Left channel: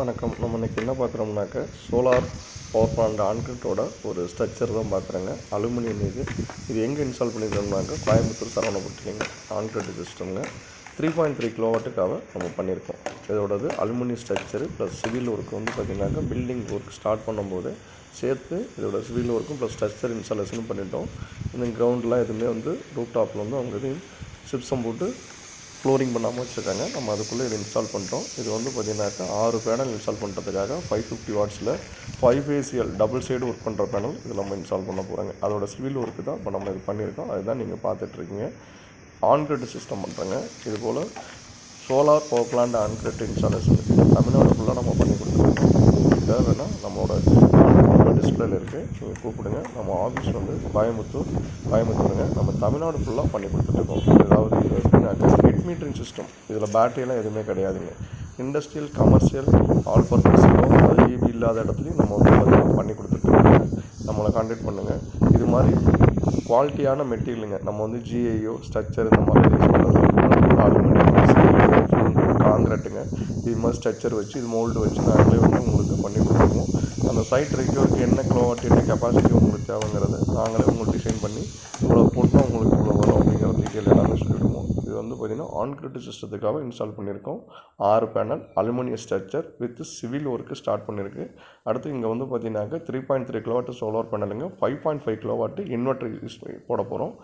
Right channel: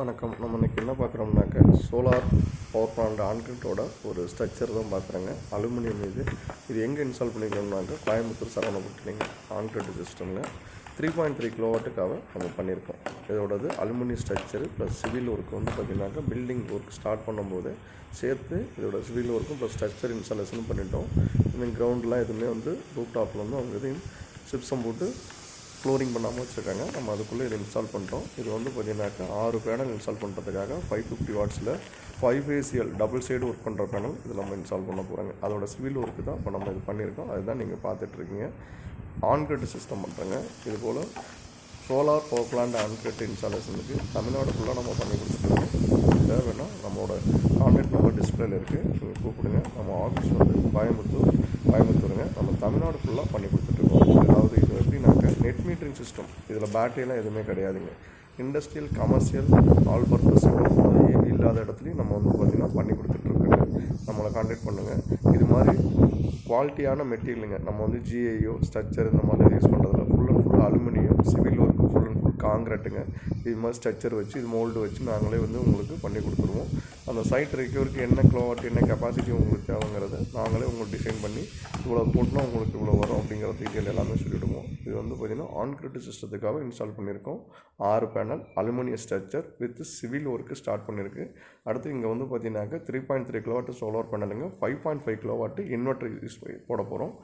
வணக்கம். நம்ம இன்றைக்கி என்ன பார்க்குறோம்னாக்க சோலார் பவர் பிளான்ட் ஆன்கிரிட்டோட ஒரு ஸ்ட்ரக்சர் தான் பார்க்குறேங்க. அலுமினியம் இது எங்கே இன்ஸ்டால் பண்ணியிருக்கோம்னாக்க கோயம்புத்தூர் சரவணப்பட்டிலைங்க. ஆன்கிரிட் சிஸ்டம்ங்க 3.3 கிலோவாட்டுக்காக நம்ம பண்ணியிருக்கோம். இதோடது aluminium structure plus civil work வந்து பார்த்திங்கனாக்கா பில்டிங் ஒர்க் ஸ்டார்ட் பண்ணும்போது சேர்த்து இதோட சிவில் ஒர்க்கும் ப்ளஸ் ஸ்ட்ரக்சர் இன்ஸ்டாலேஷனும் பண்ணிட்டோம். இந்த கிரவுண்ட்லாம் எதுவுமே வந்து ரூப் டாப்பில் வந்து அவங்க இதையும் சிப்ஸம் போட்டு ஃப்ளோரிங் பண்ணாமல் வச்சுருக்காங்க. நம்ம அதுக்குள்ளே இதை இன்ஸ்டால் பண்ணிட்டோம். இது வந்து பார்த்திங்கனாக்கா 6 பேனல் இன்ஸ்டால் பண்ணுறதுக்காக 550 வாட்ஸில் 5 ஃபேஸியல் டபுள் சைடு ஒர்க் பண்ணுற பேனல் இது நம்ம இன்ஸ்டால் பண்ண போகிறாங்க. அதோட சிவில் ஒர்க்கு தான் இப்போ நம்ம இது பண்ணியிருக்கோம். அதுதான் நீங்கள் பார்த்துட்ருக்கீங்க. ஆன்கிரிட் சிஸ்டம் பண்ணுறேங்க. இதுபோல் சோலார் பவர் பிளான்ட் ஆன்கிரிட் இன்ஸ்டாலேஷனுக்கு தமிழ்நாடு ஃபுல்லாக நம்ம பண்ணி கொடுத்துருக்கோம். உங்களுக்கு தேவைன்னா நம்மளோட கான்டாக்ட் நம்பர் டிஸ்பிளேல இருக்குது, நீங்கள் கூப்பிடுங்க. நம்ம ஆஃபீஸ் வந்து கோயம்புத்தூருங்க. நம்ம தமிழ்நாடு ஃபுல்லாக பண்ணி கொடுத்துட்ருக்கோம். அதாவது இது எப்படின்னாக்கா நெட் மீட்டரிங் சிஸ்டம். இதில் பேட்டரியெல்லாம் எதுவுமே கிடையாதுங்க. இண்டஸ்ட்ரியல், கமர்ஷியல், ஆல் பர்பஸிலோ அது ஈவி இல்லாத இடத்துலையும் நம்ம வந்து பார்த்திங்கன்னா பண்ணி கொடுத்துட்ருக்கோங்க. நம்மளை கான்டாக்ட் பண்ணுங்கள். இது மாதிரி குவாலிட்டியான மெட்டீரியலுங்க. நம்ம வந்து ஜிஐயோ ஸ்ட்ரக்சர் இந்த மாதிரி யூஸ் பண்ணுறது அலுமினியம், காங்கிரட்டுங்க. இது மாதிரி ஸ்ட்ரக்சர் வச்சு இது மோல்டு வச்சு நாங்களே வந்து உங்களுக்கு பண்ணி கொடுத்துருவோம். அந்த சைட் ரெக்யூருக்கு என்ன கிலோவாட் என்ன கெப்பாசிட்டி உங்களுக்கு தேவைங்கிறது நாங்களே உங்களுக்கு டிசைன் பண்ணி இவ்வளோ போட்டால் உங்களுக்கு இவ்வளோ வரும் அப்படிங்கிற டீட்டெயில் எல்லாமே சொல்லிவிடுவோம். இது வந்து பார்த்திங்கன்னா ஆன்கிரிட் சிஸ்டத்துக்காக இன்ஸ்டால் பண்ணியிருக்கோம். 6 panel aluminium structure with civil work start பண்ணியிருக்கு. அடுத்து இங்கே வந்து பார்த்திங்கனாக்கா 3.3 கிலோவாட் சோலார் பேனலுங்க, 5.5 கிலோவாட் இன்வெர்டர் யூஸ் போட போகிறோம்.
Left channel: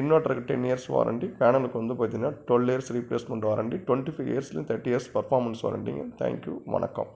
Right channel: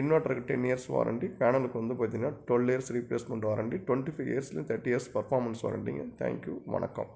இன்வெர்டருக்கு 10 இயர்ஸ் வாரண்டி, பேனலுக்கு வந்து பார்த்திங்கன்னா 12 இயர்ஸ் ரீப்ளேஸ்மெண்ட் வாரண்டி, 25 இயர்ஸ்லேயும் 30 இயர்ஸ் பர்ஃபார்மன்ஸ் வாரண்டிங்க. தேங்க்யூ, வணக்கம்.